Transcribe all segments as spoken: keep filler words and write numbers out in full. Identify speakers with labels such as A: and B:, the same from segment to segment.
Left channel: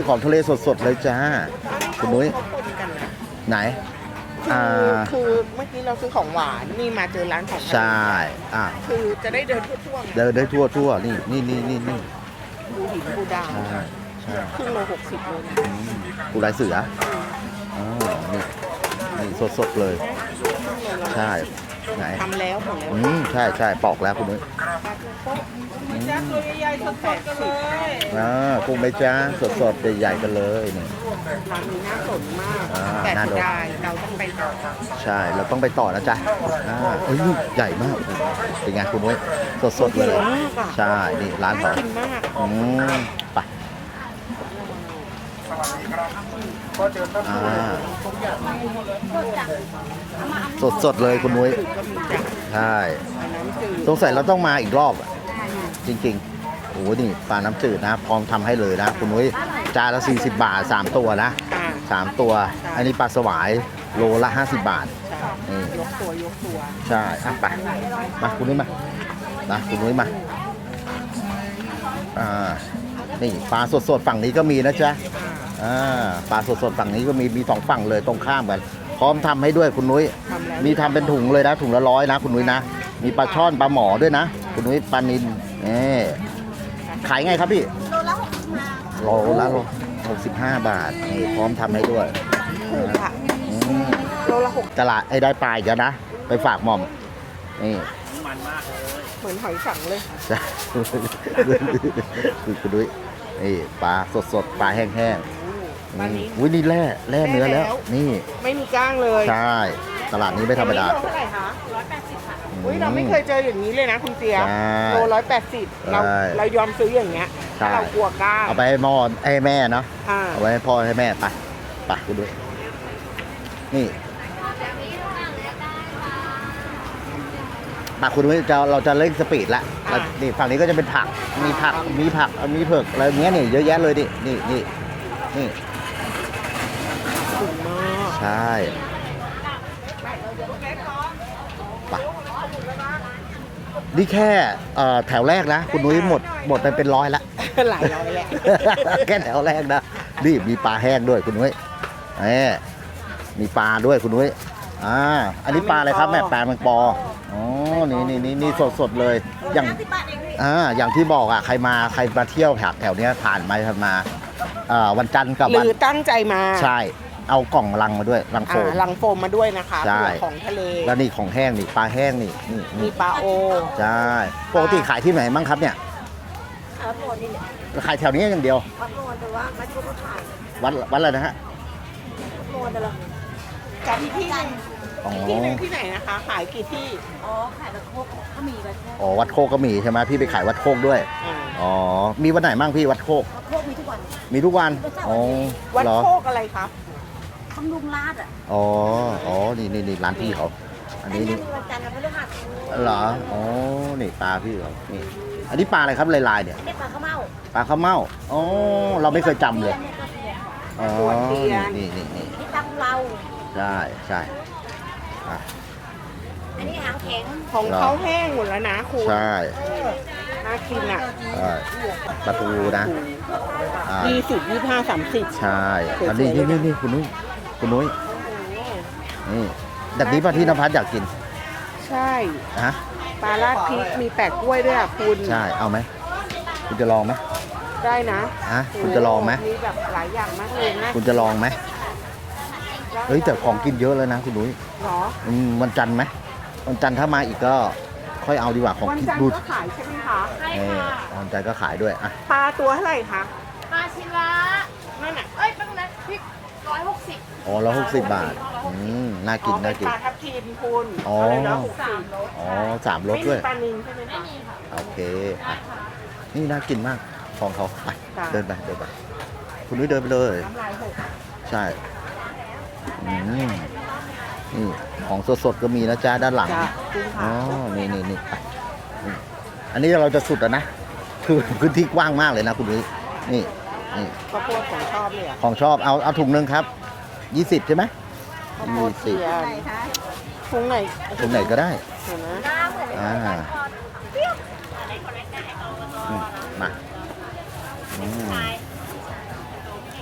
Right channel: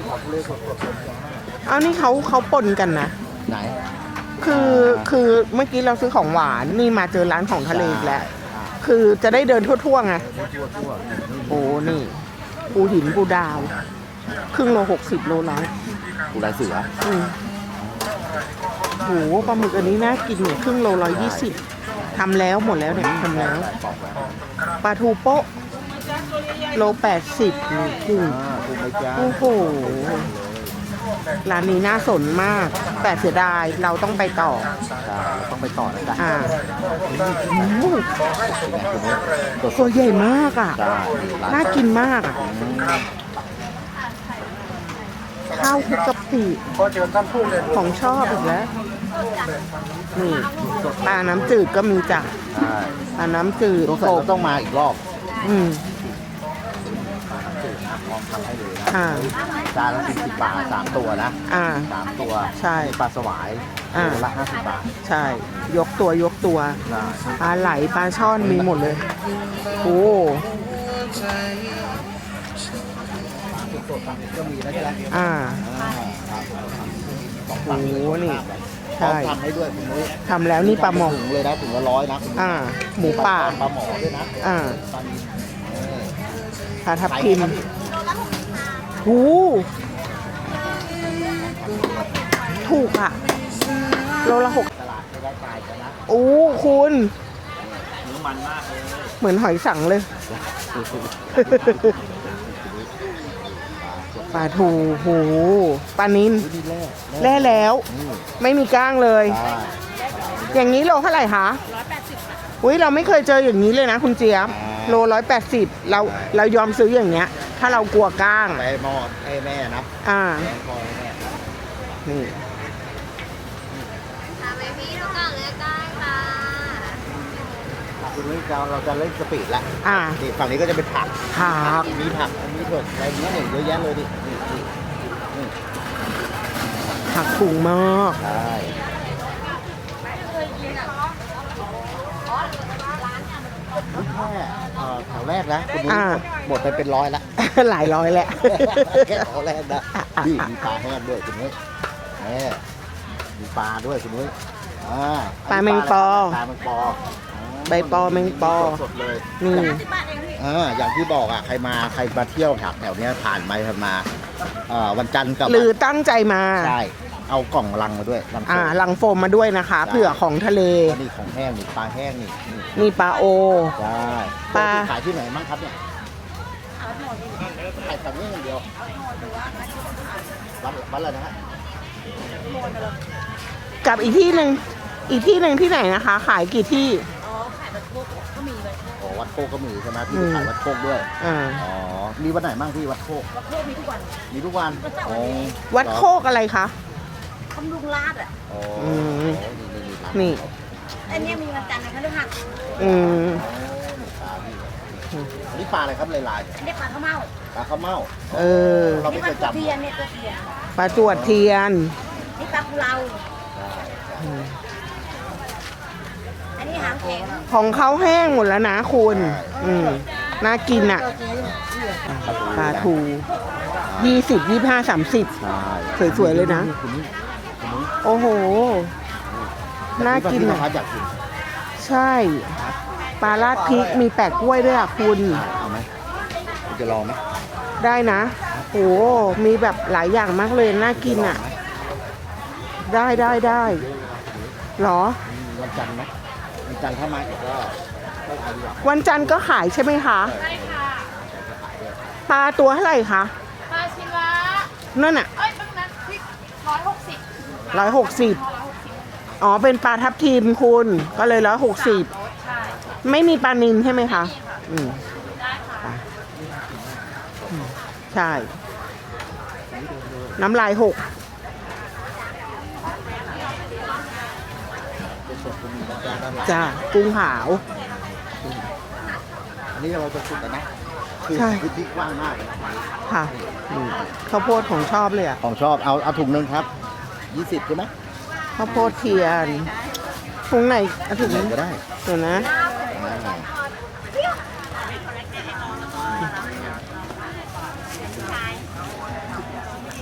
A: ของทะเลสดๆเลยจ้า
B: อ้าวนี่เขาเขาปนกันนะ
A: ไหน
B: คือคือเมื่อกี้เราซื้อของหวานนี่มาเจอร้านของทะเลอีกแล้ว
A: อ่ะ
B: คือจะได้เดินทั่วๆไง
A: เดินได้ทั่วทั่วนี่นี่
B: โอ้
A: นี่
B: นี่ปูหินปูดาว
A: ใช่ใช่
B: ครึ่งโลหกสิบโลละ
A: ปูลายเสือ
B: อืม
A: อ๋อนี่
B: โอ้โหปลาหมึกอันนี้น่ากินเหมือนครึ่งโลร้อยยี่สิบ
A: ไหน
B: ทำแล้วหมดแล้ว
A: อื
B: เนี่ย
A: ม
B: ทำ
A: ใช่
B: แล้ว
A: ใช่ปอกแล้วคุณนุ้ย
B: ปลาทูโป๊ะโลแปดสิบนี่
A: อ่าปูใบจ้า
B: โอ้โห
A: สดๆใหญ่ๆกันเลย
B: ร้านนี้น่าสนมาก แต่เสียดายเราต้องไปต่อ
A: ใช่เราต้องไปต่อนะจ๊ะ
B: อ่า
A: อ่าเฮ้ยนี่ใหญ่มากเป็นไงคุณนุ้ยส
B: ตัว
A: ดๆ
B: ให
A: เล
B: ญ่
A: ย
B: มากอ่ะ
A: ใช่นี่ร้าน
B: น่ากินมากอ่ะ
A: อืมไป
B: ข้าวคลุกกะปิของชอบอีกแล้วนี่
A: สดๆ
B: ป
A: เลย
B: ลา
A: คุณนุ้ย
B: น้ำจืดก็มีจ้ะ
A: ใช่
B: ปลาน้ำจืด
A: สงสัยเราต้องมาอีกรอบอะ
B: อืม
A: จริงๆโอ้โหนี่ปลาน้ำจืดนะพร้อมทำให้เลยนะ
B: อ่า
A: คุณนุ้ยจานละสี่สิบบาทสามตัวนะ
B: อ่า
A: สามตัว
B: ใช่
A: อันนี้ปลาสวาย
B: อ่า
A: โลละห้าสิบบาท
B: ใช่
A: อืม
B: ยกตัวยกตัว
A: ใช่อ่ะ
B: ปลาไหลปลาช่อนมีหมดเลย
A: นะคุณ
B: โอ้
A: นุ้ยมาอ่านี่ปลาสดๆฝั่งนี้ก็มีนะจ๊ะ
B: อ่า
A: อ่าปลาสดๆฝั่งนี้ก็มีมีสองฝั่งเลย
B: โอ้
A: ต
B: โห
A: รงข้ามกันพร้อมทำให้ด้วยคุณนุ้ย
B: ทำแล้ว
A: นี่
B: นี่ปลา
A: ทำ
B: ห
A: เป็น
B: มอ
A: ถุงเลยนะถุงละร้อยนะคุณนุ้ยนะ
B: อ่า
A: มีปลา
B: หมูป่า
A: ช่อนปลาหมอด้วยนะ
B: อ่า
A: คุณนุ้ยปลานิลนี่
B: ปลาทับ
A: ขาย
B: ทิ
A: ไง
B: ม
A: ครับพี่
B: โอ้
A: โลละหกสิบห้าบาทนี่พร้อมทำให้ด้วย
B: ถูกอ่ะ
A: อืม
B: โลละหก
A: ตลาดไอ้ได้ปลายกันนะ
B: โอ้
A: ไปฝากหมอ
B: คุ
A: ม
B: ณ
A: นี่
B: เหมือนหอยสังเลย
A: จ้ะคุณดุ้ยนี่ปลาสด
B: ปลา
A: ๆป
B: ทู
A: ลาแห้ง
B: โอ้โหปลานิล
A: อุ้ยนี่แร่
B: แร่
A: เนื้อ
B: แล้ว
A: นี่
B: ไม่มีก้างเลย
A: ใช่ตลาดนี้ไม่
B: อ
A: ธร
B: ย่าง
A: รม
B: นี้
A: ดา
B: โลเท่าไหร่คะอุ้ยเราไม่เคยเจออย่างนี้เลยนะคุณเจี๊ยบ
A: ใช่
B: โลร้อยแปดสิบเรา
A: ใช่
B: เรายอมซื้ออย่างเงี้ย ถ้าเรากลัวก้าง
A: เอาไปให้พ่อให้แม่เนาะ
B: อ่า
A: เอาไว้ให้พ่อให้แม่ไปไปนี่มาคุณดุ้ยจะเราจะเล่นสปีดละ
B: อ่า
A: นี่ฝั่งนี้ก็จะเป็นผักมีผัก
B: ครับ
A: มีผักอันนี้เผือกอะไรเงี้ยนี่เยอะแยะเลยดินี่นี่นี่
B: ผักถุงมาก
A: ใช่นี่แค่เอ่อแถวแรกนะ คุณนุ้ยหมดหมดไปเป็นร้อยละ
B: หลายร้อยแหละ
A: แค่แถวแรกนะนี่มีปลาแห้งด้วยคุณนุ้ยแหมมีปลาด้วยคุณนุ้ยอ่าอันนี้ปลาอะไรครับแม่ปลาแมงปออ๋อ
B: ใบปอแมง
A: นี่
B: ปอ
A: นี่สดๆเลย
B: นี่
A: อย่างอ่าอย่างที่บอกอ่ะใครมาใครมาเที่ยวแถวแถวเนี้ยผ่านไปผ่านมาอ่าวันจันทร์กับ
B: ห
A: วั
B: รื
A: น
B: อตั้งใจมา
A: ใช่ เอากล่องลังมาด้วยลังโฟ
B: อ่าม ลังโฟมมาด้วยนะคะ
A: ใช่
B: เผื่อของทะเล
A: แล้วนี่ของแห้งนี่ปลาแห้งนี่นี่
B: มีปลาโอ
A: ใช่ปกติขายที่ไหนบ้างครับเนี่ยขายแถวนี้อย่างเดียววัดวัดอะไรนะฮะ
B: กับอีกที่หนึ่งอีกที่หนึ่งที่ไหนนะคะ ขายกี่ที่
C: อ๋อ ขายบัตรโคกก็มีบัตรโคก
A: อ๋อวัดโคกก็มีใช่ไหมพี่ไปขายวัดโคกด้วย
B: อ่า
A: อ๋อมีวันไหนบ้างพี่วัดโคก
C: บัตรโคกมีทุกวัน
A: มีทุกวันอ๋อ
B: วัด
A: เหรอ
B: โคกอะไรคะ
C: คำลุงลาดอ่ะ
A: อ๋ออ๋อนี่นี่นี่ร้าน
B: นี่
A: พี่เขา
C: อันเนี้ยมีวันจันทร์กับพฤหัส
A: เหรอ
B: อืม
A: โอ้นี่ปลาพี่เหรอนี่อันนี้ปลาอะไรครับลายๆเนี่ย
C: อันนี้ปลาข้าวเม่า
A: ปลาข้าวเม่าอ๋อเราไม่เคยจำเลย
C: นี่ตัวเทียน
B: ปลาจวดเทียน
C: นี่ปลากุเลา
A: ใช่ใช่
C: อันนี้หางแข็ง
B: ของเขาแห้งหมดแล้วนะคุณ
A: ใช่
B: อืมน่ากินอ่ะ
A: ปลาทู
B: ปลา
A: นะ
B: ทู
A: อ่า
B: ยี่สิบยี่ห้าสามสิบ
A: ใช่
B: สวยๆเลยนะ
A: คุณนุ้ยคุณนุ้ย
B: โอ้โห
A: นี่แต่พี่
B: น่ากิน
A: พี่นภัสอยากกิน
B: ใช่
A: ฮะ
B: ปลาราดพริกมีแปะกล้วยด้วยอ่ะคุณ
A: ใช่เอาไหมคุณจะลองไหม
B: ได้นะ
A: ฮะ
B: โอ้
A: คุณจะลองไหม
B: มีแบบหลายอย่างมากเลยน่า
A: คุณ
B: กิ
A: จะ
B: น
A: ลอง
B: อ่ะ
A: ไหม
B: ได้
A: เฮ้ย
B: ได้
A: แต่ของ
B: ได้
A: กินเยอะเลยนะคุณนุ้ย
B: เหรอ
A: อืมวันจันทร์ไหมวันจันทร์ถ้ามาอีกก็ค่อยเอาดีกว่าของ
B: วันจันทร์ก็ขายใช่ไหมคะ
A: เออวันจันทร์ก็ขายด้วยอ่ะ
B: ปลาตัวเท่าไหร่คะ
C: ปลาชิละ
B: นั่นอ่ะ
C: เอ้ยตรงนั้นพริกร้อยหกสิบ
A: อ๋อร้อย
B: ร้อย
A: ห
B: ห
A: ก
B: ก
A: สิ
B: สิ
A: บบ าทอืมน่ากิน
B: อ๋อเป็นปลาทับทิมคุณ
A: อ๋อ
B: ก็เลยร้อยหกสิบ
A: อ๋อสามรส
B: ไม่มี
A: เลย
B: ปลานิลใช่ไหมคะอืม
A: โอเคนี่น่ากินมากของของไป
B: ใช่
A: เดินไปเดินไปคุณนุ้ยเดินไปเลย
B: น้ำลายหก
A: ใช่อืมนี่ของสดๆก็มีนะจ๊ะด้านหลัง
B: จ้ากุ้งขาว
A: อ๋อนี่นี่นี่อันนี้เราจะสุดแล้วนะคือ
B: ใช่
A: พื้นที่กว้างมากเลยนะคุณนุ้ย
B: ค่ะ
A: นี่นี่
B: ข้าวโพดของชอบเลยอ่ะ
A: ของชอบเอาเอาถุงหนึงครับยี่สิบใช่ไหม
B: ข้าวโพดเทียนถุงไหนอ่ะ
A: ถุงไหนก็ได้
B: เดี๋ยวนะ
A: อ่ามา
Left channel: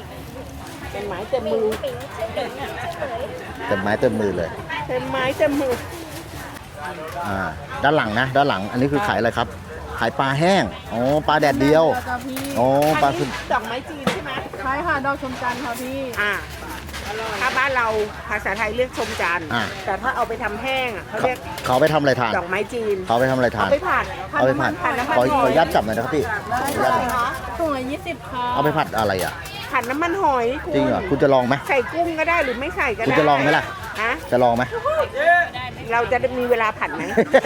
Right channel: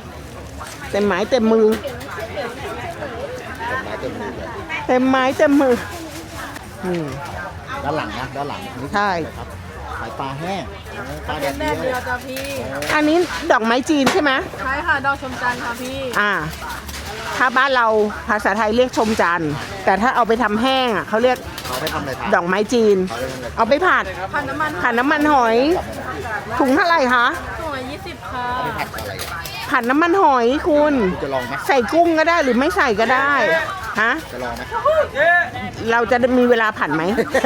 B: เต็มไม้เต็มมือ
A: เต็มไม้เต็มมือเลย
B: เต็มไม้เต็มมืออืม
A: อ่าด้านหลังนะด้านหลังอันนี้คือ
B: ใช่
A: ขายอะไรครับขายปลาแห้งโอ้ปลาแดดเดียวโอ้
B: อันนี้ดอกไม้จีนใช่ไหม
D: ใช่ค่ะ ดอกชมจันทร์ค่ะพี่
B: อ่า ถ้าบ้านเราภาษาไทยเรียกชมจันทร์แต่ถ้าเอาไปทำแห้งอ่ะเขาเรียก
A: เขาไปทำอะไรทาน
B: ดอกไม้จีน
A: เขาไปทำอะไรทาน
B: เอาไปผัด
A: เอาไปผัด
B: ผัดน้ำมัน
A: ข
B: หอย
A: ขอนุญาตจับหน่อยนะครับพี่
B: ถุงเท่าไหร่คะ
D: สวยยี่สิบค่ะ
A: เอาไปผัดอะไรอ่ะ
B: ผัดน้ำมันหอย
A: จริ
B: คุ
A: ง
B: ณ
A: เหรอคุณจะลองไหม
B: ใส่กุ้งก็ได้หรือไม่ใส่ก็
A: คุณ
B: ได้
A: จะลองไหมล่ะ
B: ฮะ
A: จะลองไหม
B: เราจะมีเวลาผัดไหม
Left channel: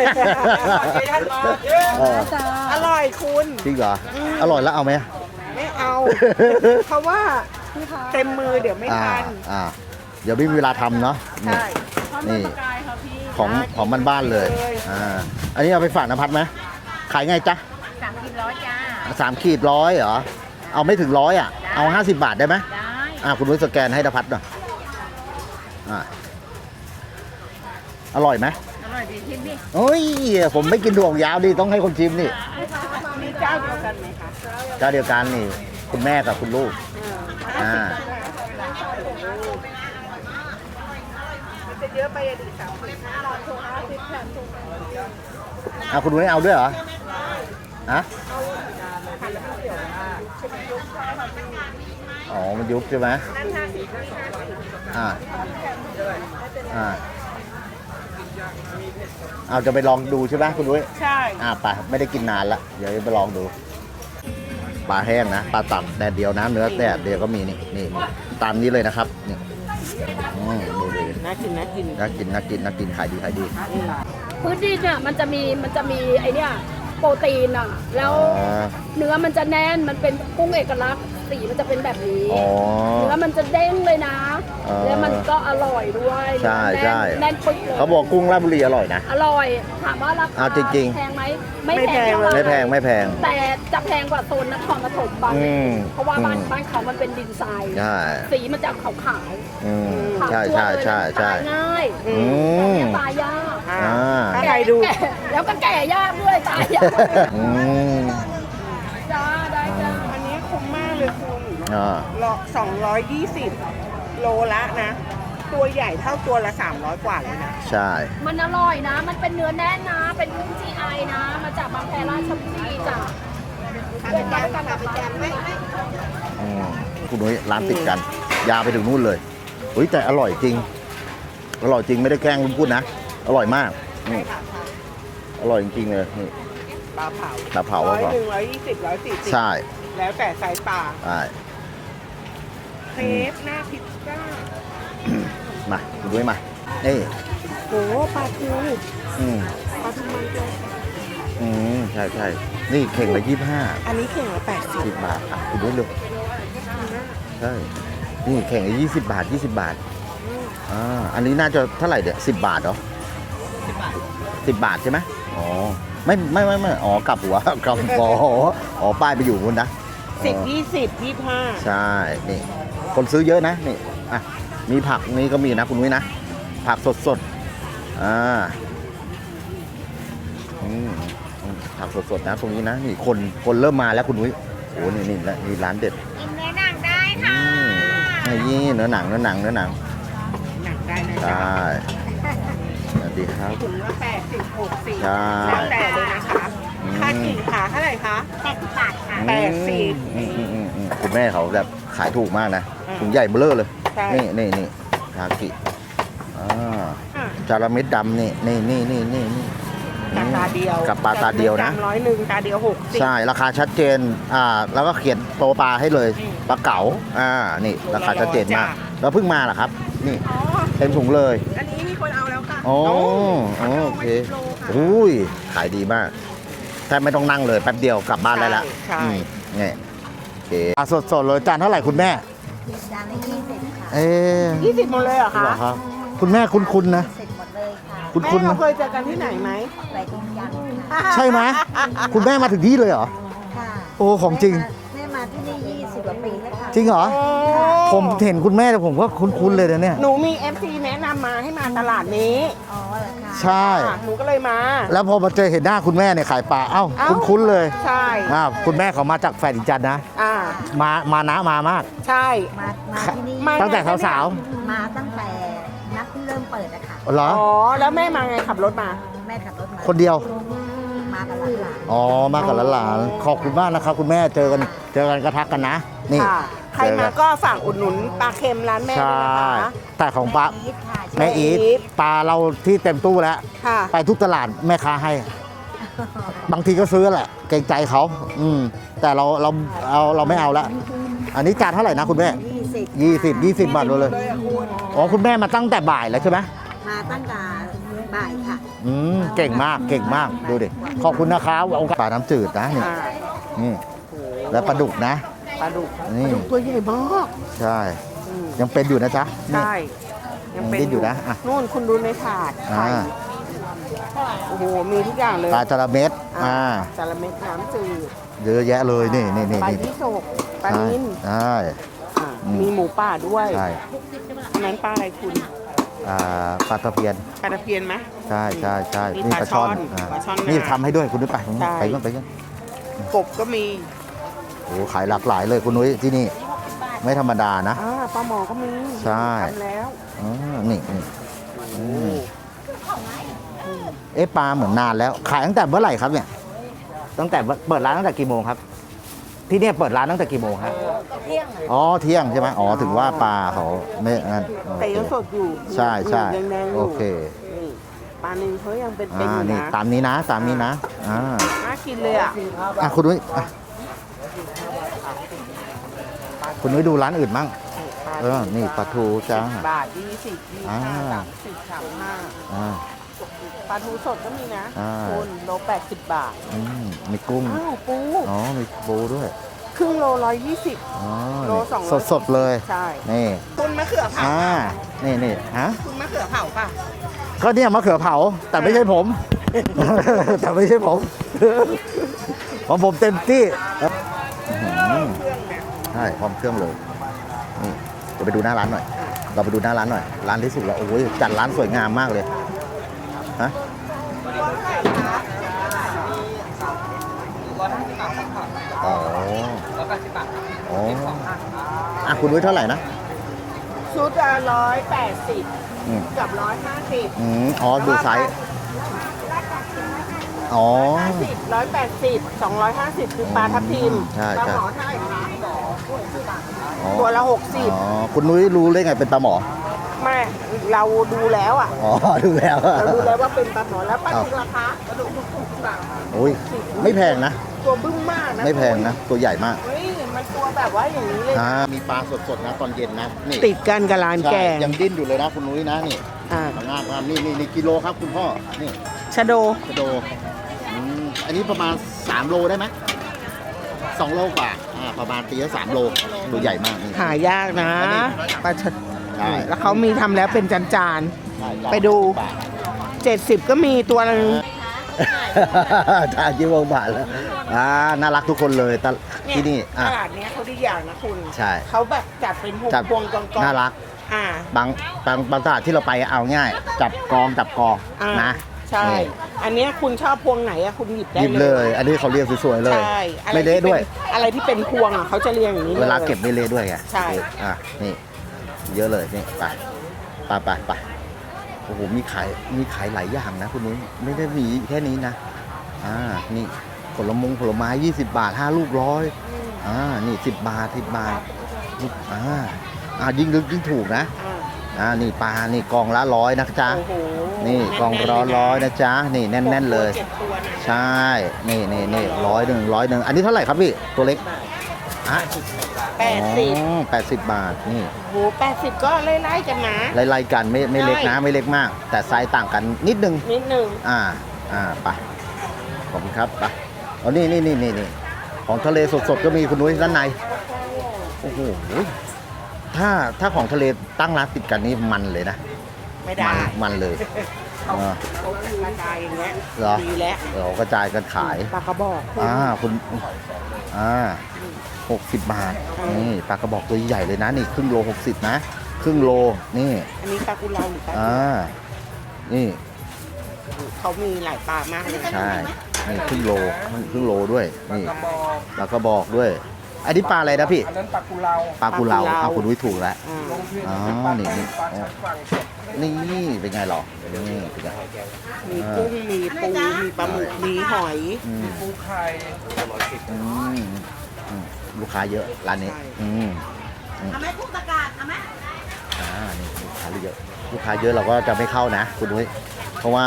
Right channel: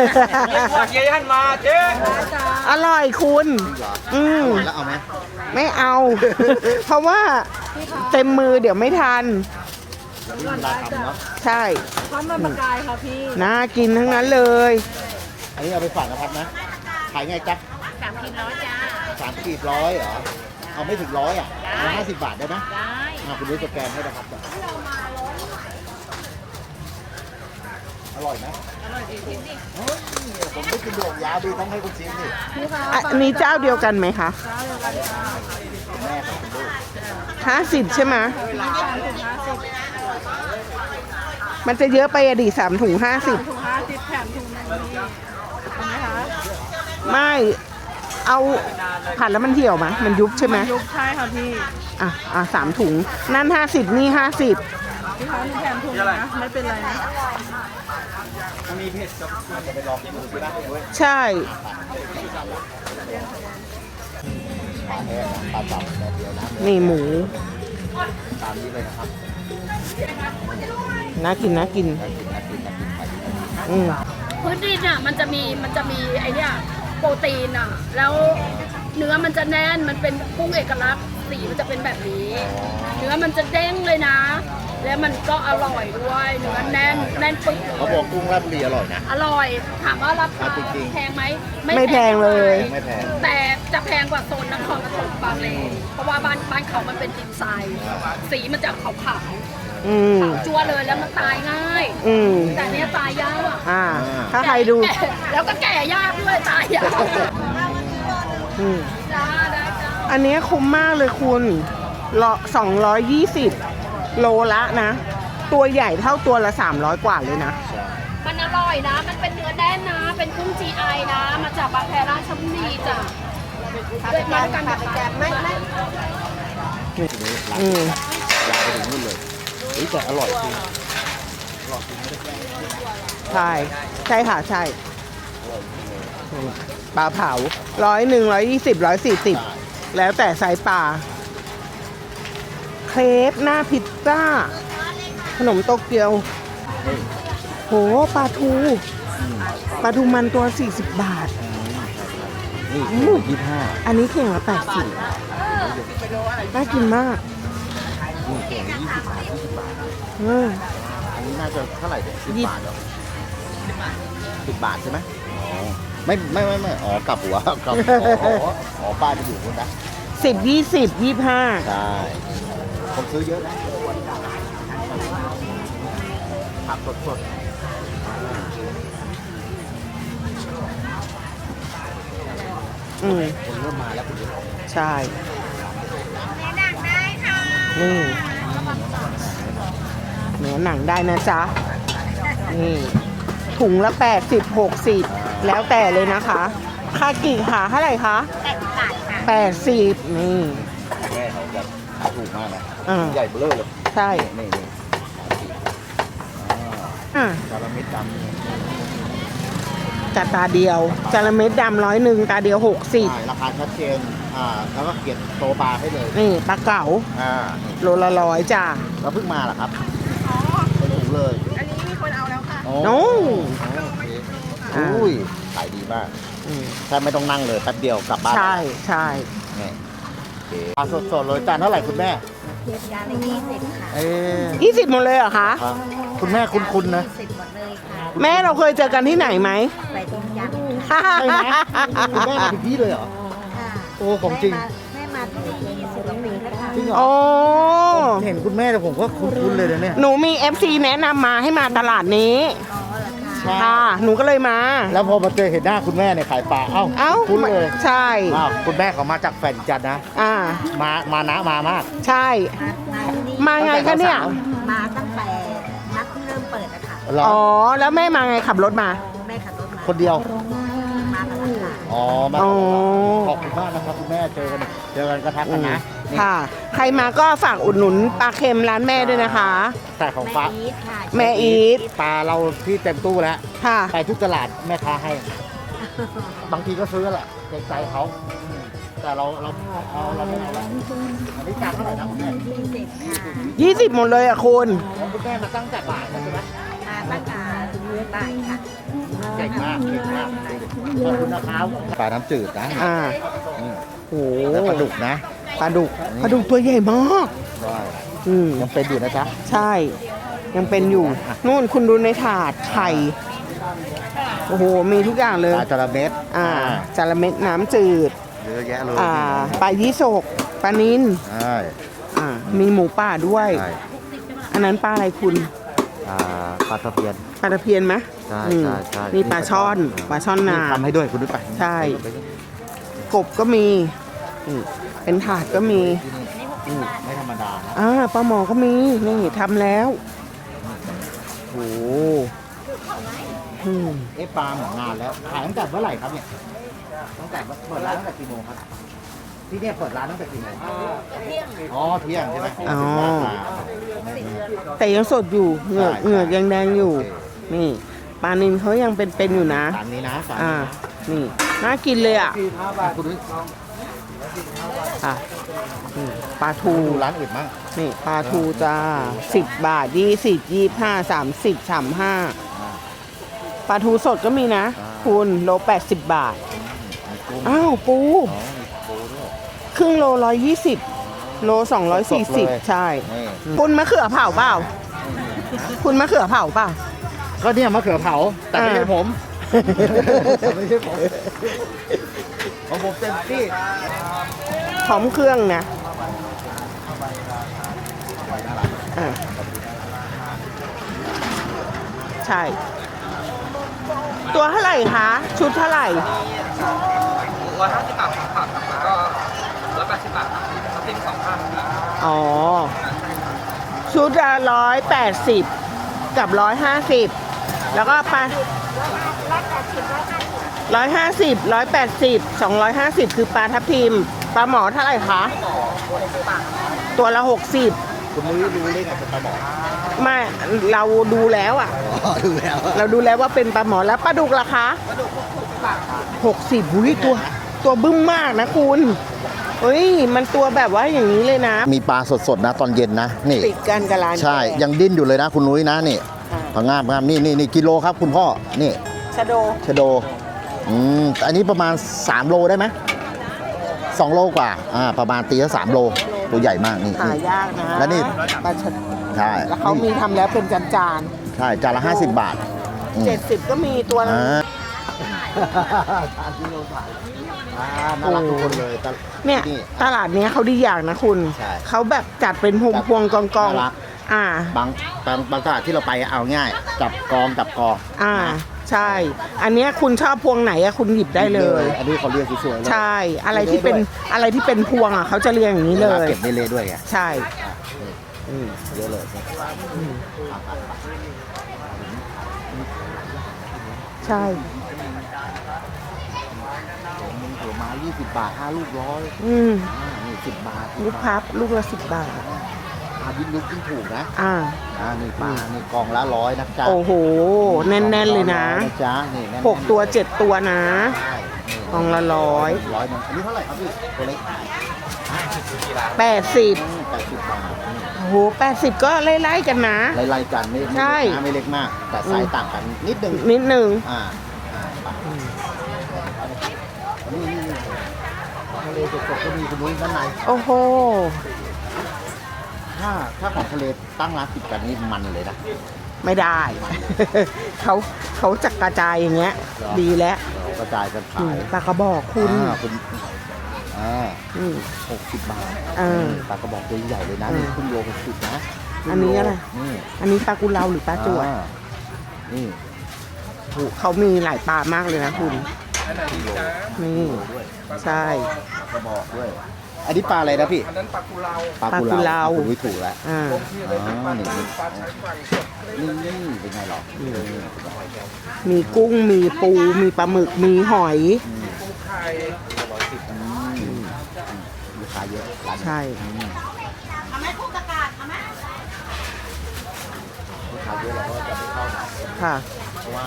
A: เออ
B: อร่อยคุณ
A: จริงเหรอ
B: อืม
A: อร่อยแล้วเอาไหม
B: ไม่เอา เพราะว่าเต็มมือเดี๋ยวไม่ทัน
A: อ่าเดี๋ยวไม่มีเวลาทำเนาะ
B: ใช่
D: ทอดมันปลากายค่ะพี่
A: ของ
B: น่ากิน
A: ของ
B: ทั้ง
A: บ้า
B: นั้นเลย
A: อ่าอันนี้เอาไปฝากนภัทรไหมขายไงจ๊ะ
C: สามขีดร้อยจ้า
A: สามขีดร้อยเหรอเอาไม่ถึงร้อยอ่ะเอาห้าสิบบาทได้ไหม
C: ได้
A: อ่าคุณนุ้ยสแกนให้นภัทรหน่อยอ่าอร่อยไหม
C: อร่อยดีที่นี่
A: โอ้ยผมไม่กินดวงยาวดิต้องให้คนชิมนี่
B: อันนี้เจ้าเดียวกันไหมคะ
A: เจ้าเดียวกันนี่คุณแม่กับคุณลูก
B: ห้าสิบใช่ไหมมันจะเยอะไปอะดีสามถุงห้าสิบ
A: เอาคุณนุ้ยเอาด้วยเหรอ
B: ไม่
A: ฮะ
B: เอาผัดแล้วมันเหี่ยวไหมมันยุบใช่ไหม
D: ยุบใช่ค่ะพี่
B: อ่ะอ่ะสามถุง
A: ใช่ไหม
B: นั่นห้าสิบนี่ห้าสิบ
A: อ่า
D: พี่คะมีแถมถุงนะ ไม่เป็นไรนะ
A: เอาจะไปลองดูใช่ไหมคุณนุ้ย
B: ใช่
A: อ่าไปไม่ได้กินนานละเดี๋ยวไปลองดูปลาแห้งนะปลาตับแดดเดียวนะเนื้อแดดเดียวก็มีนี่นี่ตามนี้เลยนะครับนี่อืม
B: น่ากินน่ากิน
A: น่ากินน่ากินน่ากินขายดีขายดี
B: อืม
E: พื้นดินอ่ะมันจะมีมันจะมีไอเนี่ยโปรตีนอ่ะแล้ว
A: อ๋อ
E: เนื้อมันจะแน่นมันเป็นกุ้งเอกลักษณ์สีมันจะเป็นแบบนี้
A: อ๋อ
E: เนื้อมันจะเด้งเลยนะ
A: อ๋อ
E: แล้วมันก็อร่อยด้วย
A: ใช่
E: เนื้อแน่น
A: ใช่
E: แน่นปึ๊กเลย
A: เขาบอกกุ้งราชบุรีอร่อยนะ
E: อร่อยถามว่าราคา
A: เอาจริงๆ
E: แพงไหม
B: ไม่แพงเลย
A: ไม่แพงไม่แพง
E: แต่จะแพงกว่าโซนนครปฐมบางเล
A: อืม
E: นเพราะว่าบ้าน
A: อืม
E: บ้านเขามันเป็นดินทราย
A: ใช่
E: สีมันจะขาว
A: อื
B: อื
A: ม
B: ม
E: ๆขาว
A: ใช่
E: จั่ว
A: ใช่
E: เลยแล้ว
A: ใช่
E: มัน
A: ใช่
E: ตายง่าย
B: อืม
E: แต่เนี่ยตายยาก
B: อ่า
A: อ่า
B: ถ้าใครดู
E: แล้วก็แก่ยากด้วยตายยาก
A: อืม
B: อืม
E: จ้าได้จ้า
B: อันนี้คุ้มมากเลยคุณ
A: อ่า
B: ละสองร้อยยี่สิบโลละนะ ตัวใหญ่เท่าตัวละสามร้อยกว่าเลยนะ
A: ใช่
E: มันอร่อยนะ มันเป็นเนื้อแน่นนะ เป็นนุ่ม จี ไอ นะ มาจากบางแพราชบุรีจ้ะพาไปแจมพาไปแจมไม่ไม่
A: อืมคุณนุ้ยร้านติดกัน ยาวไปถึงนู่นเลยอุ้ยแต่อร่อยจริง อร่อยจริงไม่ได้แกล้งคุณพูดนะ อร่อยมาก
B: ใช่ค่ะ ใช่
A: อร่อยจริงๆเลยนี่
B: ปลาเผา
A: ปลาเผา
B: ร้อยหนึ่งร้อยยี่สิบร้อยสี่สิบ
A: ใช่
B: แล้วแต่ไซส์ปลา
A: ใช่
B: เครปหน้าพิซซ่า ขนมโตเกียว
A: นี่มา นี่
B: โหปลาทู
A: อืม
B: ปลาทูมันตัวสี่สิบบาท
A: อืมใช่ใช่นี่เข่งละยี่สิบห้า
B: อันนี้เข่งละแปดสิบ
A: สิบบาทอ่ะคุณนุ้ยดู
B: น่ากินมาก
A: ใช่นี่เข่งละยี่สิบบาทยี่สิบบาท
B: เออ
A: อ่าอันนี้น่าจะเท่าไหร่เดี๋ยวสิบบาทเหรอสิบบาทสิบบาทใช่ไหมอ๋อไม่ไม่ไม่ไม่อ๋อกลับหัวกลับอ๋ออ๋อป้ายไปอยู่นู้นนะ
B: สิบยี่สิบยี่ห้า
A: ใช่นี่คนซื้อเยอะนะนี่อ่ะมีผักนี่ก็มีนะคุณนุ้ยนะ ผักสดสดๆอ่าอืมผักสดสดๆนะคุณนุ้ยนะนี่คนคนเริ่มมาแล้วคุณนุ้ย
B: ใช่
A: นี่แหละมีร้านเด็ด
B: อืม
A: ไอ้นี่เนื้อหนังเนื้อหนังเนื้อหนัง
B: เนื้อหนังได้นะจ๊ะ
A: ใช่
B: นี่
A: ดีครับ
B: ถุงละแปดสิบหกสิบ
A: ใช่
B: แล้วแต่เลยนะคะคากิขาเท่าไหร่คะ
C: แปดสิบบาทค่ะ
B: แปดสิบนี่
A: อืมอืมคุณแม่เขาแบบขายถูกมากนะ
B: อ่า
A: ถุงใหญ่เบ้อเร่อเลย
B: ใช่
A: นี่นี่นี่คากิอ่า
B: อ่ะ
A: จาระเม็ดดำนี่นี่นี่นี่นี่นี่
B: กับตาเดียว
A: กับปลา
B: จาระเม็ด
A: ตาเดียวนะ
B: ดำร้อยหนึ่งตาเดียวหกสิบ
A: ใช่ ราคาชัดเจน อ่า แล้วก็เขียนโตปลาให้เลย
B: นี่ปลาเก๋า
A: อ่า นี่
B: โลละ
A: าคาชัดเจน
B: ร้อยจ้ะ
A: มากเราเพิ่งมาเหรอครับ นี่เต็มถุงเลย
D: อันนี้มีคนเอาแล้วค่ะ
A: โอ้
B: โอ้
A: อ๋อโอเคอุ้ย ขายดีมากแทบไม่ต้องนั่งเลยแป๊บเดียวกลับบ้านได้
B: ใช่
A: แล้ว
B: ใช่
A: นี่โอเคปลาสดๆเลยจานเท่าไหร่คุณแม่
C: จานละยี่สิบค่ะ
A: เออ
B: ยี่สิบหมดเลยเหรอคะ
A: เหรอครับคุณแม่คุ้นๆนะ
C: ยี่สิบหมดเลยค่ะ
A: คุ้นๆ
B: แม่เราเคยเจอกันที่ไหนไหม
C: ใบตรงจันทร์
A: ใช่ไหมคุณแม่มาถึงที่เลยเหรอ
C: ค่ะ
A: โอ้ของจริง
C: แม่มาที่นี่ยี่สิบกว่าปีแล้วค่ะ
A: จริงเหรอ
B: โอ้
A: ผมเห็นคุณแม่แต่ผมว่าคุ้นๆเลยนะเนี่ย
B: หนูมี เอฟ ซี แนะนำมาให้มาตลาดนี้
C: อ๋อเหรปิดค่ะ
A: ใช่
B: ค่ะหนูก็เลยมา
A: แล้วพอมาเจอเห็นหน้าคุณแม่ในขายปลาเอ้า
B: เอ้า
A: คุ้นๆเลย
B: ใช่
A: อ้าวคุณแม่เขามาจากแฟนอีจันทร์นะ
B: อ่า
A: มามานะมามาก
B: ใช่
C: มามาที่นี่
B: มา
A: ตั้ง
B: ไง
A: แต่
B: คะเนี่ย
A: สาว
C: มาตั้งแต่นัดเริ่มเปิดอะค่ะ
A: เหรอ
B: อ๋อ แล้วแม่มาไงขับรถมา
C: แม่ขับรถมา
A: คนเดียว
C: มากับหลาน
A: อ๋อ มากับหลาน
B: อ๋อ
A: ๆขอบคุณมากนะครับคุณแม่เจอกันเจอกันก็ทักกันนะนี่
B: ค่ะ ใครมาก็ฝากอุดหนุนปลาเค็มร้านแม่ด้วยนะคะ
A: แต่ของปลา
C: แม่อีทค่ะ
B: แม่อีท
A: ปลาเราที่เต็มตู้แล้ว
B: ค่ะ
A: ไปทุกตลาดแม่ค้าให้ บางทีก็ซื้อแหละเกรงใจเขาอืมแต่เราเราเอาเราไม่เอาละอันนี้จานเท่าไหร่นะคุณแม่
C: ยี่สิบ
A: ยี่สิบยี่สิบ
B: ยี่
A: บา
B: สิบ
A: ท
B: หมดเลยอ่ะคุณ
A: อ๋อคุณแม่มาตั้งแต่บ่ายแล้วใช่ไหม
C: มาตั้งแต่บ่ายค่ะ
A: อืมเก่งมากเก่งมากดูดิขอบคุณนะครับเอาปลาน้ำจืดนะ
B: อ่า
A: นี่
B: โอ้
A: แล้วปลาดุกนะ
B: ปลาดุก
A: นี่
B: ปลาดุกตัวใหญ่มาก
A: ใช่
B: อืม
A: ยังเป็นอยู่นะจ๊ะ
B: ใช่ ยังเป็นอยู่
A: ยังเป็นอยู่นะ
B: นู่นคุณดูในถาดไข่ โอ้โห มีทุกอย่างเลย
A: ปลาจระเม็ด
B: อ่า
A: อ่า
B: จาระเม็ดน้ำจืด
A: เยอะแยะเลย
B: อ่า
A: นี่นี่นี่
B: ปลายี่สกปลานิล
A: ใช่
B: อ่ามีหมูป่าด้วย
A: ใช่
B: อันนั้นปลาอะไรคุณ
A: อ่าปลาตะเพียน
B: ปลาตะเพียนไหม
A: ใช่
B: อืม
A: ใช่ใช่
B: นี่ปลาช่อนปลาช่อนนา
A: นี่ทำให้ด้วยคุณนุ้ยไป
B: ใช่
A: ไปยังไปยัง
B: กบก็มี
A: โอ้โหขายหลากหลายเลย
B: เป็นผักก็
A: คุณนุ้ย
B: มี
A: ที่นี่ไม่ธรรมดานะ
B: อ่าปลาหมอก็มี
A: ใช่
B: นี่ทำแล้ว
A: อ๋อนี่นี่
B: โอ้อืม
A: เอ๊ะปลาเหมือนนานแล้ว ขายตั้งแต่เมื่อไหร่ครับเนี่ยตั้งแต่เปิดร้านตั้งแต่กี่โมงครับ ที่เนี่ยเปิดร้านตั้งแต่กี่โมงครับอ๋อเที่ยงใช่ไหมอ๋อถึงว่าปลาเขาไม่นั่น
B: แต่ยังสดอยู่เหงื
A: ใช่
B: อก
A: ใช่
B: เหงือกยังแดงอยู่
A: โอเค
B: นี่ปลานินเขายังเป็นเป็นอยู่นะ
A: ตามนี้นะตามนี้นะ
B: อ่า
A: อ่า
B: น่ากินเลยอ่ะ
A: อ่ะคุณนุ้ยอ่ะ
B: อ่ะนี่ปลา
A: คุ
B: ทู
A: ณนุ้ยดูร้านอื่นมั่ง
B: นี่ปลาทู
A: เออนี่
B: จ้า
A: ปลาทูจ้า
B: สิบบาทยี่สิบยี่ห้า
A: อ่า
B: สามสิบสามห้า
A: อ่า
B: ปลาทูสดก็มีนะ
A: อ่า
B: คุณโลแปดสิบบาท
A: อืมมีกุ้ง
B: อ้าวปู
A: อ๋อมีปูด้วย
B: ครึ่งโลร้อยยี่สิบ
A: อ๋อ
B: โลสองร้อยสี่
A: ดๆ
B: สิบ
A: เลย
B: ใช่
A: นี่
B: คุณมะเขือเผาเปล่า
A: นี่นี่ฮะ
B: คุณมะเขือเผาเปล่า
A: ก็เนี่ยมะเขือเผาแต่ไม่ใช่ผม แต่ไม่ใช่ผม ของผมเต็มที่
B: พร้อมเครื่องนะ
A: ใช่พร้อมเครื่องเลยนี่จะไปดูหน้าร้านหน่อย
B: อ่า
A: เราไปดูหน้าร้านหน่อย ร้านรู้สึกว่าโอ้ยจัดร้านสวยงามมากเลย
B: ใช่
A: ฮะ
B: ตัวเท่าไหร่คะ ชุดเท่าไหร่
D: ร้อยห้าสิบบาทครับผักแล้วก็ร้อยแปดสิบบาท
A: โอ้อ่ะคุณด้วยเท่าไหร่นะ
B: ชุดละร้อยแปดสิบ
A: อืม
B: กับร้อยห้าสิบ
A: อืมอ๋อ
B: แล้ว
A: ดู
B: ก็
A: ไซ
B: ปลา
A: ส์อ๋อ
B: ร้อยห้าสิบร้อยแปดสิบสองร้อยห้าสิบคือปลาทับทิม
A: ใช่
B: ปลาหมอเท่าไหร่คะ ตัวละหกสิบ
A: อ๋อคุณนุ้ยรู้ได้ไงเป็นปลาหมอ
B: ไม่เราดูแล้วอ่ะ
A: อ๋อดูแล้ว
B: เราดูแล้วว่าเป็นปลาหมอแล้วปลาดุกราคา
A: โอ้
B: ห
A: ย
B: กสิบ
A: ไม่แพงนะ
B: ตัวบึ้มมากนะ
A: ไม่แพ
B: คุ
A: ง
B: ณ
A: นะตัวใหญ่มาก
B: เฮ้ย มันตัวแบบว่าอย่างนี้เลยนะ
A: อ่ามีปลาสดๆนะตอนเย็นนะนี่
B: ติดกันกับร้าน
A: ใช่
B: แก
A: ยังดิ้นอยู่เลยนะคุณนุ้ยนะนี่
B: อ่า
A: ผังงามงามนี่นี่นี่กิโลครับคุณพ่อนี่
B: ชะโด
A: ชะโดอืมอันนี้ประมาณสามโลได้ไหมสองโลกว่าอ่าประมาณตีละสามโลตัวใหญ่มากนี่
B: หายากนะ
A: แล้วนี่
B: ปลาชะ
A: ใช่
B: แล้วเขามีทำแล้วเป็นจานจาน
A: ใช่จาน
B: ไป
A: ละ
B: ดู
A: ห้าสิบบาท
B: เจ็ดสิบก็มีตัว
A: เอ
B: ละ
A: อจานยี่สิบบาทแล้วอ่าน่ารักทุกคนเลยตล
B: เนี่ย
A: ที่นี่
B: ต
A: อ่ะ
B: ลาดเนี้ยเขาดีอย่างนะคุณ
A: ใช่
B: เขาแบบจัดเป็นพวง
A: จัด
B: พวงกองกอง
A: น่ารัก
B: อ่า
A: บางบางบางตลาดที่เราไปเอาง่าย จับกองจับกอง
B: อ่า
A: นะ
B: ใช่ อันเนี้ยคุณชอบพวงไหนอะคุณหยิบได้
A: หยิบ
B: เล
A: เลย ย อันนี้เขาเรียกสวยๆเลย
B: ใช่ อะไร
A: ม่
B: ที่
A: ละ
B: เป็น
A: ด้วย
B: อะไรที่เป็นพวงอะเขาจะเรียงอย่างนี้
A: เว
B: เล
A: ลาย เก็บไม่เละด้วยไง
B: ใช่
A: อ่ะนี่เยอะเลยนี่ไปไปไปไปโอ้โหมีขายมีขายหลายอย่างนะคุณนุ้ยไม่
B: ใช่
A: ได้มีแค่นี้นะอ่านี่ผลมงผลไม้ยี่สิบบาทห้าลูกร้อย
B: อืม
A: อ่านี่สิบบาทสิบ
B: ลูก
A: บา
B: ครั
A: ท
B: บ ลูกละสิบบาท
A: อ่าอ่ายิ่งลึกยิ่งถูกนะ
B: อ่า
A: อ่านี่ปลานี่กองละร้อยนะจ๊ะ
B: โอ้โห แน่นๆเลยนะ
A: ร้อยนะจ๊ะนี่แน่
B: หก
A: นๆเลย
B: ตัวเจ็ดตัวนะ
A: ใช่นี่
B: กอ
A: นี่
B: งละ
A: นี่
B: ร้
A: ร้
B: อ
A: อย ยหนึ่งร้อยหนึ่งอันนี้เท่าไหร่ครับพี่ตัวเล็กอ่ะ
B: แปดสิบ
A: แปดสิบบาทนี่
B: โอ้โหแปดสิบก็ไล่ๆกันนะ
A: ไล่ๆกันไม่ไม่เล็ก
B: ใช่
A: นะไม่เล็กมาก แต่ไซส์ต่างกันนิดนึง
B: นิดนึง
A: อ่าอ่าไปขอบคุณครับไปเอานี่นี่นี่นี่นี่ของทะเลสดๆก็มีคุณนุ้ยด้านใน
B: โอ้โห
A: โอ้โหถ้าถ้าของทะเลตั้งร้านติดกันนี่มันเลยนะ
B: ไม่ได้
A: มันเลย
B: เขา
A: อ่า
B: เขาจะกระจายอย่างเงี้ย
A: เหรอ
B: ดีแล้ว
A: เรากระจายกันขาย
B: ปลากระบอกคุณ
A: อ่าคุณอ่า
B: อืม
A: หกสิบบาท
B: อ่านี่
A: นี่ปลากระบอกตัวใหญ่เลยนะนี่ครึ่งโลหกสิบนะครึ่งโล
B: อันนี้อะไร
A: นี่
B: อันนี้ปลากุเลาหรือปลาตัว
A: อ่านี่
B: เขามีหลายปลามากเลยนะคุ
A: ใช่
B: ณ
A: นี่ครึ่งโลครึ่งโลด้วยนี่
B: ใช่
A: ปลากระบอกด้วย อันนี้ปลาอะไรนะพี่
D: อันนั้นปลากุเลา
A: ปลากุเลา
B: ปลากุเลา
A: เอาคุณวิถูกแล้ว
B: อ่า
D: ลงที่เลยเป็นปลา
A: อ๋อนี่
D: ไทยปลาชายฝั่งสด
A: นี่เป็นไงหรอนี่เป็นไง
B: มีกุ้งมีปูมีปลาหมึกมีหอย
A: อืม
D: ปูไข่
A: อืมอืมลูกค้าเยอะร้านนี้
B: ใช่
A: อืมอืมอ่านี่ลูกค้าเยอะลูกค้าเยอะเราก็จะไม่เข้านะคุณดุ้ย
B: ค่ะ
A: เพราะว่า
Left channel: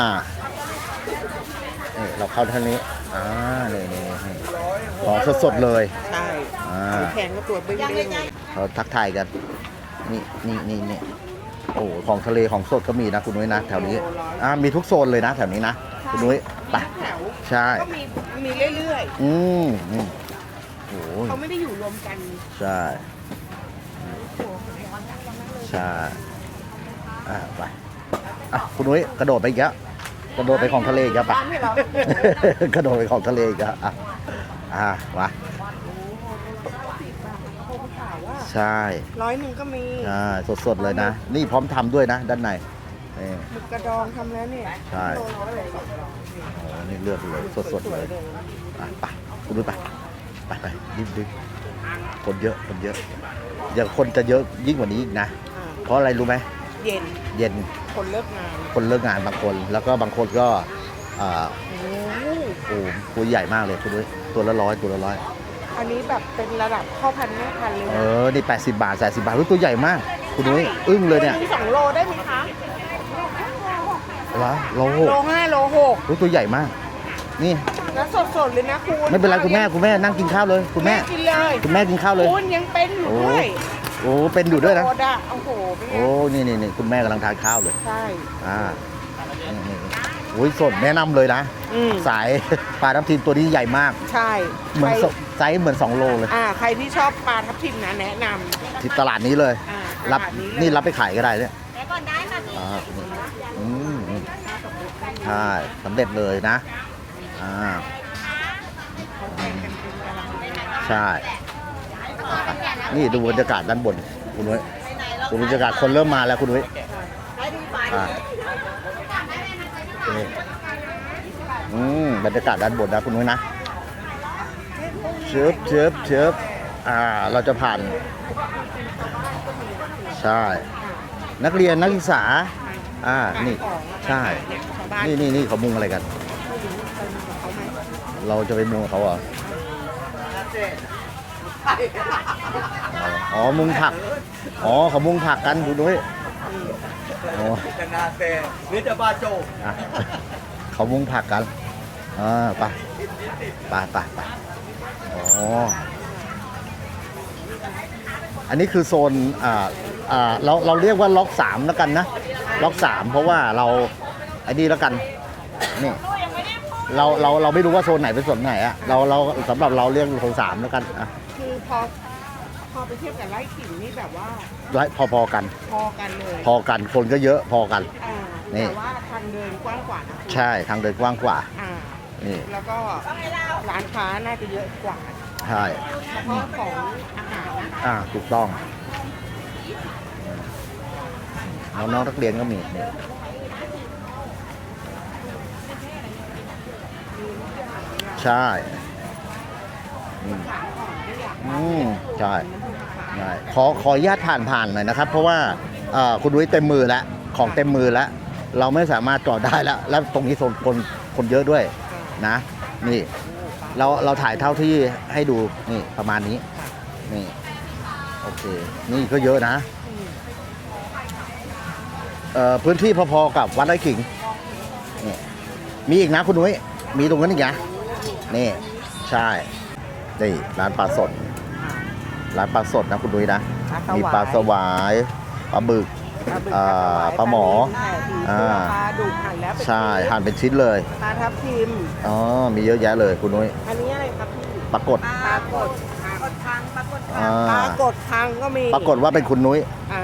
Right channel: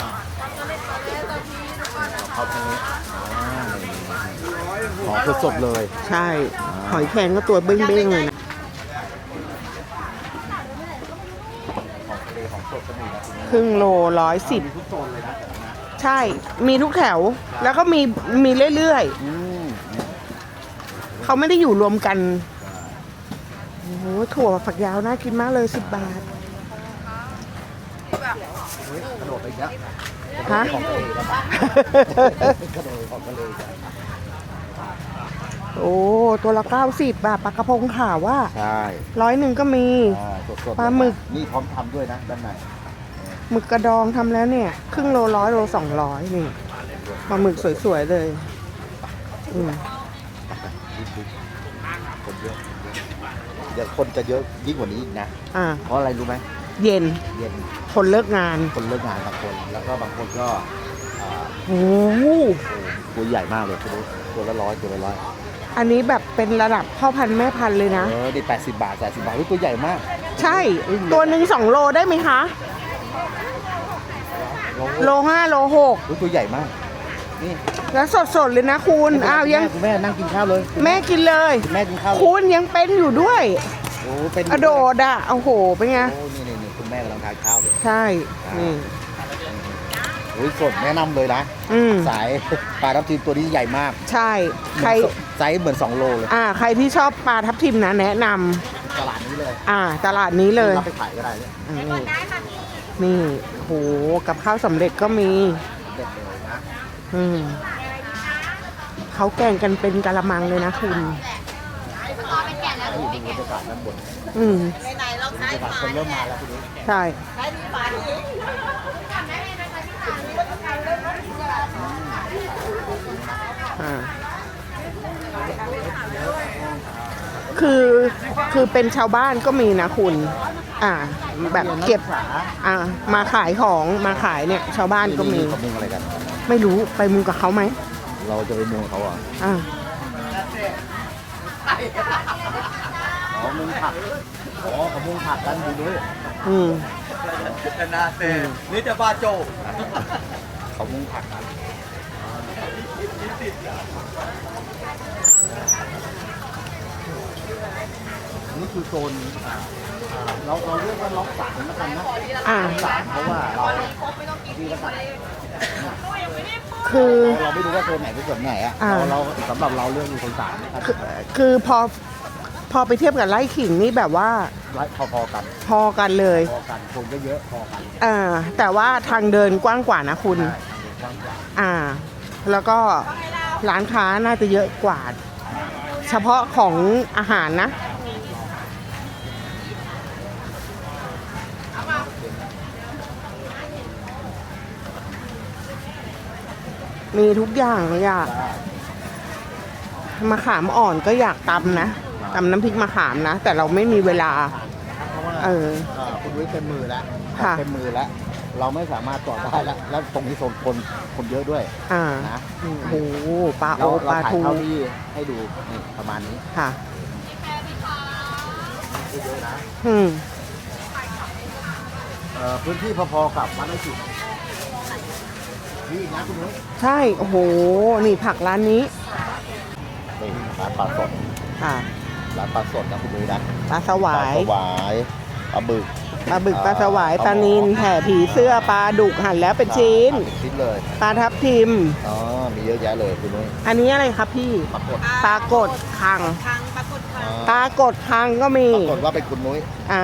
A: นี่เราเข้าเท่านี้อ่านี่นี่นี่ของสดๆเลย
B: ใช่
A: อ่า
B: หอยแครงก็ตัวเบ้งๆเลยนะ
A: เขาทักทายกัน นี่นี่นี่นี่โอ้โหของทะเลของสดก็มีนะคุณนุ้ย
B: ค
A: นะ
B: รึ่ง
A: แถว
B: โล
A: นี้
B: ร้อยสิบ
A: อ่ะมีทุกโซนเลยนะแถวนี้นะ
B: ใช่
A: คุณนุ้ย
B: มีทุกแถว
A: ใช่
B: แล้วก็มีมีเรื่อย
A: อืมอืมโอ้โห
B: ๆ เขาไม่ได้อยู่รวมกัน
A: ใช่
B: โอ้โหถั่วฝักยาวน่ากินมากเลยสิบบาท
A: อ่าไปอ่ะคุณนุ้ยกระโดดไปอีกแล้วกระโดดไป
B: ฮะ
A: ของทะเลอีกแล้วปะ กระโดดไปของทะเลอีกแล้วอ่ะอ่ะมา
B: โอ้ตัวละเก้าสิบบาทปลากระพงขาวว่า
A: ใช่
B: ร้อยหนึ่งก็มี
A: อ่าสดๆ
B: ป
A: เล
B: ลาย หมึ
A: นะ
B: ก
A: นี่พร้อมทำด้วยนะด้านในนี่
B: หมึกกระดองทำแล้วเนี่ย ครึ่งโลร้อยโลสองร้อยนี่
A: นี่เลือก
B: ปลาหมึกสวยๆเลย
A: อ่ะไปไปไปไปรีบๆคนเยอะคนเยอะเดี๋ยวคนจะเยอะยิ่งกว่านี้อีกนะ
B: อ่า
A: เพราะอะไรรู้ไหม
B: เย็น
A: เย็น
B: คนเลิกงาน
A: คนเลิกงานบางคน แล้วก็บางคนก็อ่า
B: โอ้โห
A: โอ้ตัวใหญ่มากเลยคุณด้วยตัวละร้อยตัวละร้อย
B: อันนี้แบบเป็นระดับพ่อพันธุ์แม่พันธุ์เลยนะ
A: เออนี่แปดสิบบาทแปดสิบบาทเฮ้ยตัวใหญ่มากคุณ
B: ใช่
A: นุ้ยอึ้งเล
B: ตัวย ห
A: เนี่
B: นึ่
A: ย
B: งสองโลได้ไหมคะ
A: เหรอโล
B: โลห้าโลหก
A: เฮ้ยตัวใหญ่มาก นี่
B: แล้วสดๆเลยนะคุณ
A: ไม่เป็นไร
B: อ้าว
A: คุณ
B: ยั
A: แม่
B: ง
A: คุณแม่นั่งกินข้าวเลยคุณ
B: แม่
A: แม่
B: กินเลย
A: คุณแม่กินข้าวเลย
B: คุณยังเป็นอยู่ด้วย
A: โอ้เป็นอก
B: ระ
A: ยู่
B: โด
A: ด้วยนะ
B: ดอ่ะโอ้โห เป็นไง
A: โอ้นี่นี่นี่คุณแม่กำลังทานข้าวเลย
B: ใช่
A: อ่า
B: นี่
A: อืมอุ้ยสดแนะนำเลยนะ
B: อืม
A: สาย ปลาทับทิมตัวนี้ใหญ่มาก
B: ใช่
A: เหมื
B: ใค
A: อ
B: ร
A: นสดไซส์เหมือนสองโลเลย
B: อ่า ใครที่ชอบปลาทับทิมนะแนะนำ
A: ที่ตลาดนี้เลย
B: อ่า ตลาดนี้เลย
A: รับไปขายก็ได้เนี่ย
B: อืม
A: อ่า
B: นี่โอ้โห กับข้าวสำเร็จก็มี
A: ใช่สำเร็จเลยนะ
B: อืม
A: อ่า
B: เขาแกงกันเป็นกะละมังเลยนะคุณ
A: ใช่นี่ดูบรรยากาศด้านบน
B: อืม
A: ดูบรรยากาศคนเริ่มมาแล้วคุณดุ้ย
B: ใช่
A: อืมบรรยากาศด้านบนนะคุณนุ้ยนะ
B: อ่า
A: เชิบเชิบเชิบอ่า เราจะผ่า
B: คื
A: น
B: อ คือเป็นชาวบ้านก็มีนะคุณ
A: ใช่
B: อ่า
A: นักเรียนนัก
B: แบบ
A: ศึกษา
B: อ่า
A: อ่า
B: มาขายของ มา
A: ใช่
B: ขายเนี่ย ชาวบ้าน
A: นี่
B: ก็
A: นี่
B: มี
A: นี่เขามุงอะไรกัน
B: ไม่รู้ไปมุงกับเขาไหม
A: เราจะไปมุงกับเขาเหรอ
B: อ่า
A: อ๋อมุงผักอ๋อเขามุงผักกันคุณดุ้ย
B: อืม
A: อ๋อ
D: จะนาเตนี่จะบาโจ
A: อ่ะเขามุงผักกันอ่าไปไปไปไปอ๋ออันนี้คือโซนอ่าอ่าเราเราเรียกว่าล็อกสามแล้วกันนะ
B: อ่า
A: ล็อกสามเพราะว่าเราไอ้นี่แล้วกันนี่
B: คือ
A: เราเราเราไม่รู้ว่าโซนไหนเป็นโซนไหนอะ
B: อ่า
A: เราเราสำหรับเราเรียกโซนสามแล้วกัน
B: คือพอ พอไปเทียบกับไร่ขิงนี่แบบว่า
A: ไว้พอๆกัน
B: พอกันเลย
A: พอกันคนก็เยอะพอกัน
B: อ่า
A: นี่
B: แต่ว่าทางเดินกว้างกว่านะคุณ
A: ใช่ทางเดินกว้างกว่า
B: อ่า
A: นี่
B: แล้วก็ร้านค้าน่าจะเยอะกว่า
A: ใช่
B: เฉพาะของอาหารนะ
A: อ่าถูกต้องน้องๆนักเรียนก็มี
B: มีทุกอย่างอยาก
A: ใช่
B: มะขามอ่อนก็อยากตำนะ
A: ใช่
B: ตำน้ำพริกมะขามนะ แต่เราไม่
A: ขอ
B: มี
A: ขอ
B: เว
A: อนุญ
B: ลา
A: ผ่านผ่านๆหน่อยนะครับ เพราะว่า
B: เออ
A: เอ่อคุณดุ้ยเต็มมือแล้วของ
B: ค่ะ
A: เต็มมือแล้ว เราไม่สามารถจอดได้แล้ว แล้วตรงนี้โซนคนคนเยอะด้วย
B: อ่า
A: นะ
B: โอ้
A: นี่
B: โหปลา
A: เรา
B: โอ
A: เรา
B: ปล
A: ถ่าย
B: ทู
A: เท่าที่ให้ดูนี่ประมาณนี้
B: ค่ะ
A: นี่โอเคนี่ก็เยอะนะ
B: อืม
A: เอ่อพื้นที่พอๆกับวัดไร่ขิงนี่มีอีกนะคุณดุ้ย
B: ใช่
A: มีตรงนั้นอีกอย่าง
B: โอ้โหนี่ผัก
A: นี่
B: ร้านนี้
A: ใช่นี่ร้านปลาสด
B: อ่า
A: ร้านปลาสดนะคุณดุ้ยนะ
B: ปลาส
A: มี
B: วา
A: ปลาย สวายปลาบึก
B: ปลาบึก
A: อ่า
B: ปลาสวาย
A: ป
B: ป
A: ลา
B: ลา
A: หมอ
B: นิลแผ่ผีเสื้อ
A: อ่า
B: ปลาดุกหั่นแล้วเป็น
A: ใช่
B: ชิ้น
A: หั่นเป็นชิ้นเลย
B: ปลาทับทิม
A: อ๋อมีเยอะแยะเลยคุณนุ้ย
B: อันนี้อะไรครับพี่
A: ปรากฏ
B: ปลากดคัง
A: อ่า
B: ปลากดคังก็มี
A: ปรากฏว่าเป็นคุณนุ้ย
B: อ่า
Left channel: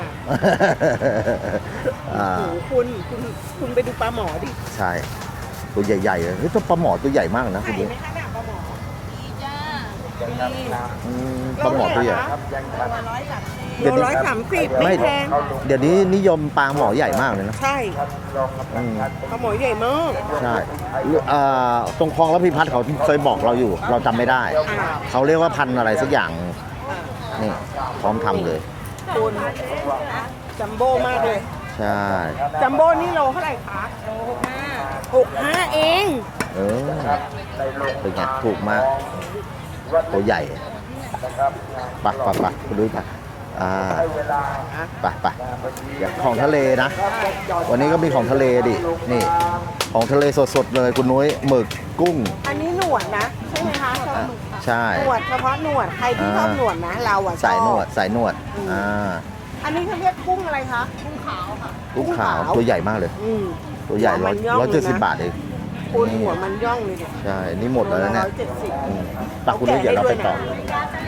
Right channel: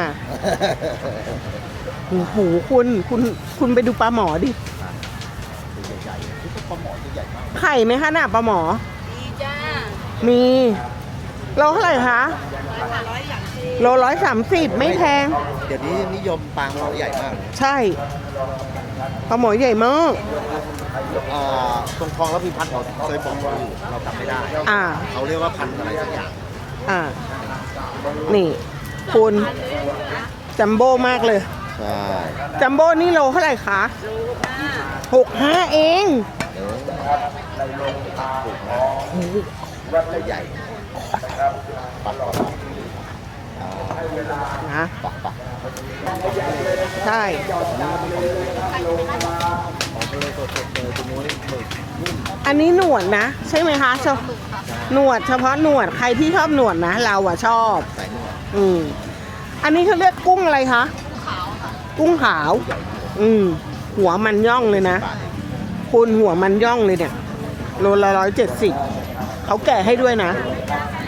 B: โอ้โหคุณคุณคุณไปดูปลาหมอดิ
A: ใช่ตัวใหญ่ๆเลยเฮ้ยตัวปลาหมอตัวใหญ่มากนะ
B: ไข่ไหมคะน่ะปลาหมอ
E: จ้า
B: มี
A: อืม
B: เราเท่าไหร่คะโลร้อยสามสิบไม่แพง
A: เดี๋ยวนี้นิยมปลาหมอใหญ่มากเลยนะ
B: ใช่
A: อืม
B: ปลาหมอใหญ่มาก
A: ใช่อ่าตรงคลองแล้วพิพัฒน์เขาเคยบอกเราอยู่ เราจำไม่ได้
B: อ่า
A: เขาเรียกว่าพันธุ์อะไรสักอย่าง
B: อ่า
A: นี่พร้อมทำ
B: นี่
A: เลย
B: คุณจัมโบ้มากเลย
A: ใช่
B: จัมโบ้นี่โลเท่าไหร่คะหกห้าเอง
A: เออเป็นไงถูกมากตัวใหญ่ปะปะปะไปดูค่ะอ่า
B: นะ
A: ปะปะอย่างของทะเลนะ
B: ใช่
A: วันนี้ก็มีของทะเลดิ นี่ ของทะเลสดๆเลยคุณนุ้ยหมึกกุ้ง
B: อันนี้หนวดนะ ใช่ไหมคะเฉพาะ
A: ใช่
B: หนวดเฉพาะหนวดใครที่ชอบหนวดนะ เราอะช
A: สาย
B: อ
A: หน
B: บ
A: วดสายหนวด
B: อืม
A: อ่า
B: อันนี้เขาเรียกกุ้งอะไรคะ กุ้งขาว
A: ตัวใหญ่มากเลย
B: อืม
A: ตัว
B: หั
A: ใญ่
B: วมันย่องเลย
A: ร้จ็ดสิ
B: นะ
A: บบาทเอง
B: คุณหัวมันย่องเลยเนี่ย
A: ใช่ นี่หมด
B: โลละ
A: แว
B: ร้อย
A: นะ
B: เจ็ดสิบเขาแกะให้ด้วยนะ